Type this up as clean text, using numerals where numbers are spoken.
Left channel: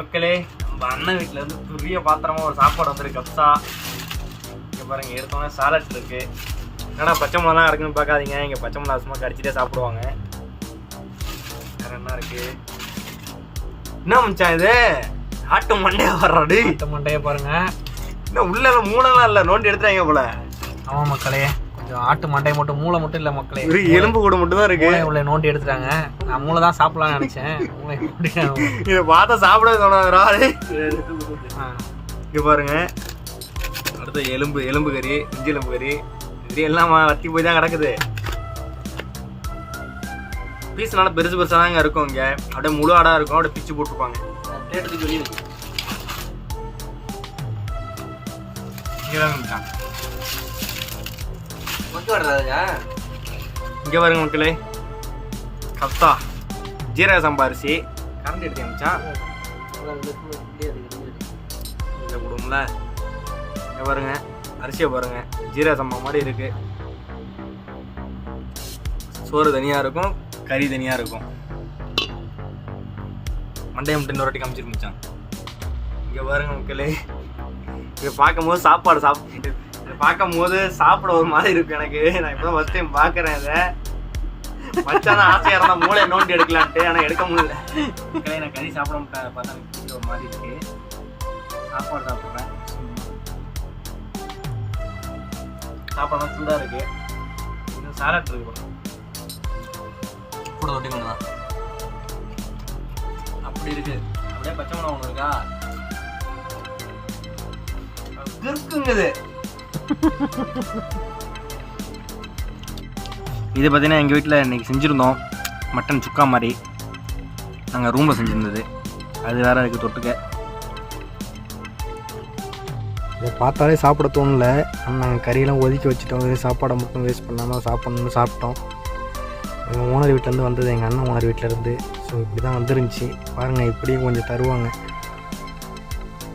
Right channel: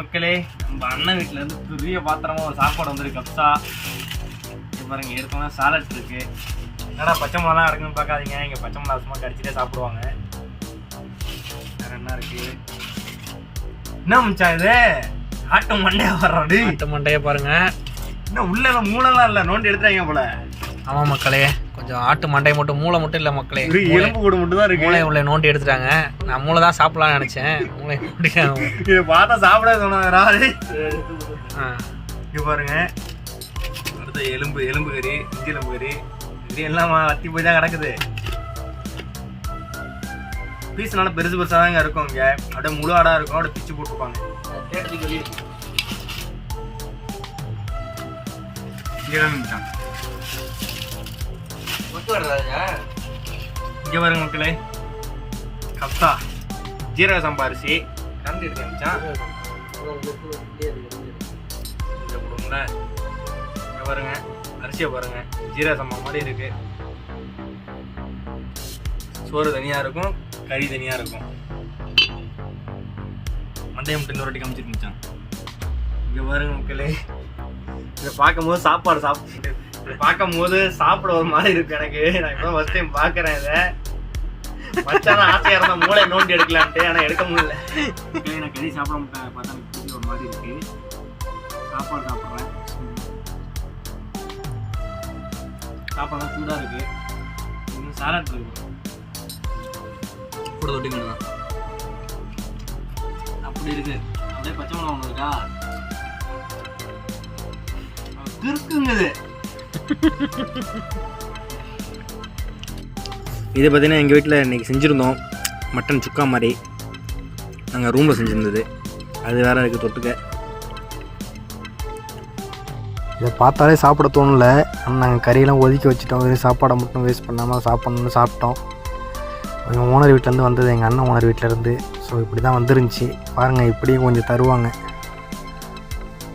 மக்களே, நம்ம அண்ணன் வீட்டில் இருந்து பெரிய பாத்திரமா ஒரு சாப்பாடு வந்துருக்கு. கப்ஸா இங்கே பாருங்க, எடுத்தோன்னா சாலட்ஸ் இருக்குது. என்னடா பச்சை மிளகா இருக்குன்னு பார்க்காதீங்க, இங்கே பச்சை மிளகா சும்மா கடிச்சிட்டே சாப்பிடுவாங்க. வேறு என்ன இருக்குது? என்ன மிச்சா இது? ஆட்டு மண்டையை வர்றாடு. ஆட்டு மண்டையை பாருங்க. இன்னும் உள்ள மூளைலாம் இல்லை, நோண்டி எடுத்துறாங்க போல. ஆமாம் மக்களே, கொஞ்சம் ஆட்டு மண்டையை மட்டும், மூளை மட்டும் இல்லை மக்களே, ஒரு எலும்பு கூட மட்டும் தான் இருக்கு. உள்ள நோண்டி எடுத்துட்டாங்க. நான் மூளை தான் சாப்பிடலாம்னு நினைச்சேன். மூளை இதை பார்த்தா சாப்பிட சொன்னாரு. இங்க பாருங்க, அடுத்த எலும்பு கறி, இஞ்சி எலும்பு கறி, இது எல்லாம் வத்தி போய் தான் கிடக்குது. பீஸ் நல்லா பெருசு பெருசாக தாங்க இருக்கும். இங்க அப்படியே முழு ஆடா இருக்கும், அப்படியே பிச்சு போட்டுருப்பாங்க. கேட்டதுக்கு வெளியே இருக்கும். இங்க பாருங்க மக்களே, கப்ஸா ஜீரக சம்பா அரிசி கரண்ட் எடுத்தேன் மச்சான். கொடுங்களா, இங்க பாருங்க அரிசியை பாருங்க, ஜீரக சம்பா மாதிரி இருக்கு. சோறு தனியா இருக்கும், கறி தனியா இருக்கும். மண்டையை மட்டும் இன்னொரு வாட்டி காமிச்சிருக்கு மச்சான். இங்க பாருங்க மக்களே, இங்க பார்க்கும்போது பார்க்கும்போது சாப்பிட ஒரு மாதிரி இருக்கு எனக்கு. நான் இப்போ ஃபர்ஸ்ட் டைம் பார்க்குறேன் இதை. மச்சான் ஆசையாக இருந்தால் மூளை நோண்டி எடுக்கலான்ட்டு, ஆனால் எடுக்க முடியல. நான் கறி சாப்பிட மாட்டேன், பார்த்தா ஒரு மாதிரி இருக்கு. சாப்பாடு சாப்பிட்றேன், சாப்பாடுலாம் சூடாக இருக்கு. இன்னும் சாலட் இருக்கு கூட தொட்டிங்கன்னா அப்படி இருக்கு. அப்படியே பச்சை மிளகா ஒன்று இருக்கா இருக்குங்குது. இது பார்த்தீங்கன்னா எங்கள் வீட்டில் இன்றைக்கி செஞ்சுருந்தோம் மட்டன் சுக்கா மாதிரி. நாங்கள் ரூமில் செஞ்சுருந்தது, அது வேறு இருக்குது தொட்டுக்க. இதை பார்த்தாலே சாப்பிட தோணல. ஆனால் நாங்கள் கறியெல்லாம் ஒதுக்கி வச்சுட்டோம். வெறும் சாப்பாடை மட்டும் வேஸ்ட் பண்ணாமல் சாப்பிட்ணுன்னு சாப்பிட்டோம். எங்கள் ஓனர் வீட்டிலேருந்து வந்தது, எங்கள் அண்ணன் ஓனர் வீட்டிலேருந்து. ஸோ இப்படி தான் வந்துருந்துச்சு பாருங்கள். இப்படியும் கொஞ்சம் தருவாங்க.